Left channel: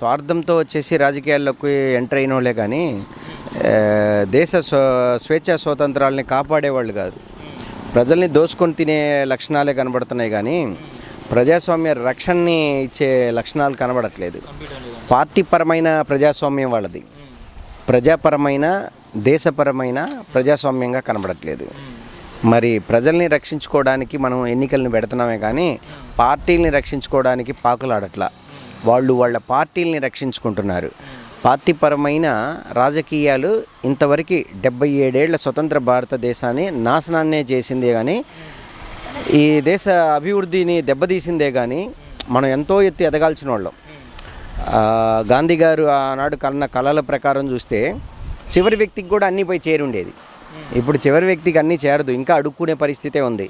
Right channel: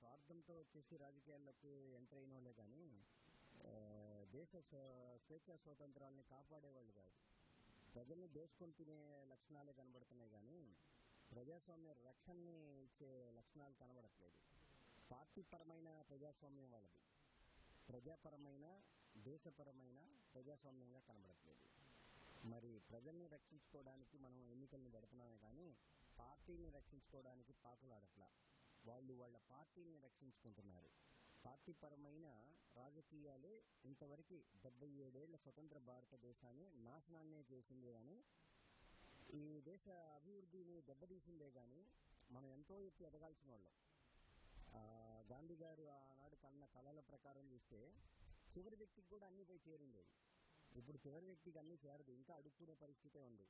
స్వార్థంతో వచ్చేసి రాజకీయాల్లోకి ఎంటర్ అయిన వాళ్ళే కానీ దేశ స్వేచ్ఛా స్వాతంత్రాలని కాపాడేవాళ్ళు కాదు. ప్రజల్ని దోసుకొని తినే లక్షణాలే కనబడుతున్నాయి కానీ ప్రజాస్వామ్య రక్షణని ఇచ్చే లక్షణాలు కనబడట్లేదు. పార్టీపరమైన ప్రజాస్వామ్యం వాళ్ళది, ప్రజాపరమైన దేశపరమైన ప్రజాస్వామ్యంగా కనబడట్లేదు. మరి ప్రజల్ని రక్షించుకోవడానికి మనం ఎన్నికలను పెడుతున్నామే కానీ పార్టీల్ని రక్షించుకోవడానికి పాకులాడట్లా. వాళ్ళు వాళ్ళ పార్టీల్ని రక్షించుకుంటున్నారు. పార్టీపరమైన రాజకీయాలు ఇంతవరకు 77 ఏళ్ల స్వతంత్ర భారతదేశాన్ని నాశనాన్నే చేసిందే కానీ ఈ దేశ అభివృద్ధిని దెబ్బతీసిందే కానీ మనం ఎంతో ఎత్తు ఎదగాల్సిన వాళ్ళం. గాంధీ గారు ఆనాడు కన్న కళల ప్రకారం చూస్తే చివరి వ్యక్తికి కూడా అన్నీ పోయి చేరుండేది. ఇప్పుడు చివరి వ్యక్తికి అన్నీ చేరదు, ఇంకా అడుక్కునే పరిస్థితే ఉంది.